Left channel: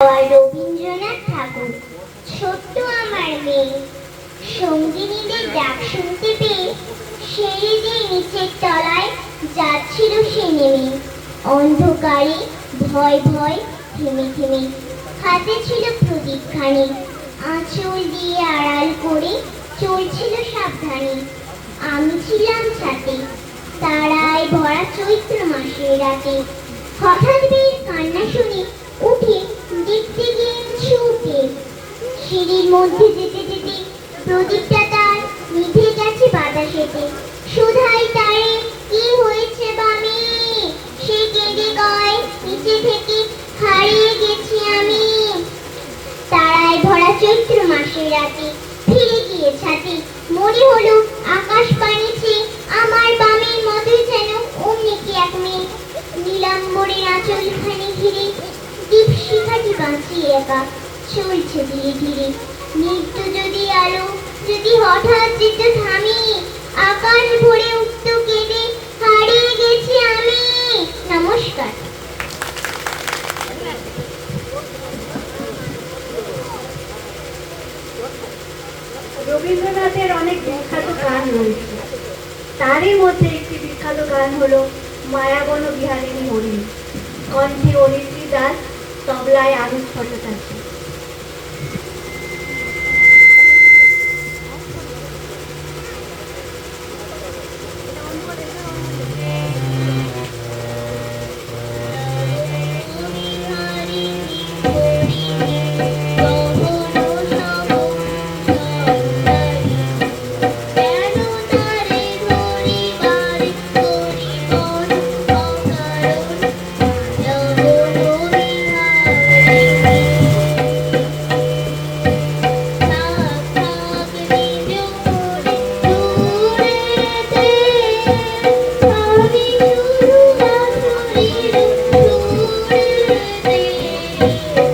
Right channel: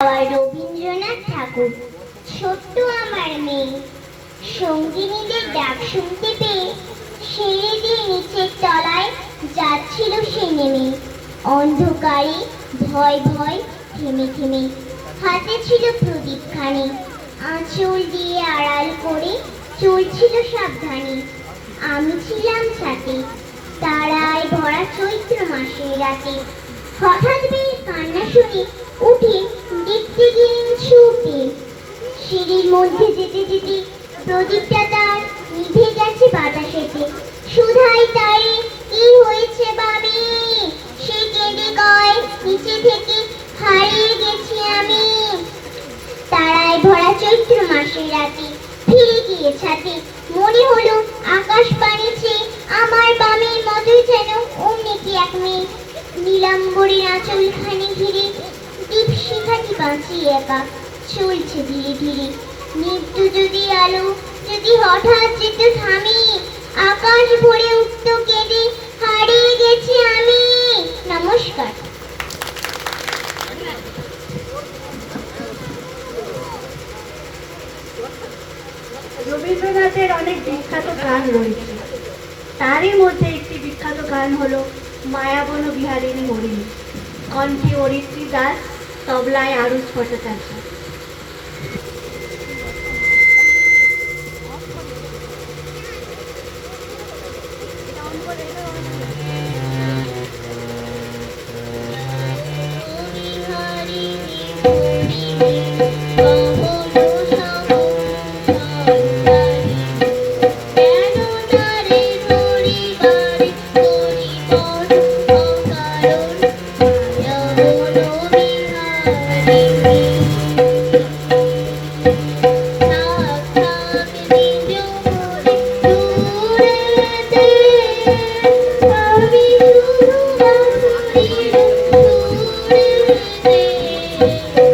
রবীন্দ্রনাথ ঠাকুর। ছোট্ট আমার মেয়ে সঙ্গিনীদের ডাক শুনতে পেয়ে সিঁড়ি দিয়ে নিচের তলায় যাচ্ছিল সে নেমে। অন্ধকারে ভয় ভয় থেমে থেমে হাতে ছিল প্রদীপখানি, আঁচল দিয়ে আড়াল করে চলছিল সাবধানে। আমি ছিলাম ছাতে, তারায় ভরা চৈত্র মাসের রাতে। হঠাৎ বেশ কান্না শুনে উঠে দেখতে গেলেন ছুটে। সিঁড়ির মধ্যে যেতে যেতে প্রদীপটা তার নিভে গেছে বাতাসেতে। সুধাই তারে কি হয়েছে বামি, সে কেঁদে কয় নিচে থেকে হারিয়ে গেছি আমি। তারায় ভরা চৈত্র মাসের রাতে ফিরে গিয়ে ছাতে, মনে হলো আকাশ পানিছে আমার বামের মতোই যেন অমনি কি এক মেয়ে। নীলাম্বরের আঁচলখানি ঘিরে দীপশিখাটি বাঁচিয়ে একা চলছে ধীরে ধীরে। মৃত্যু যদি আলো যদি হঠাৎ যেত থামি, আকাশ ভরে উঠত কেঁদে হারিয়ে গেছি আমি। নমস্কার। রবীন্দ্রনাথের অনেক বিখ্যাত গান রয়েছে, তারই মধ্যে একটি বিখ্যাত গান হলো মায়াবন বিহারিণী হরিণী। কণ্ঠে অরিত্রী দাস, তবলায় আরুষ ভট্টাচার্য। Thank you.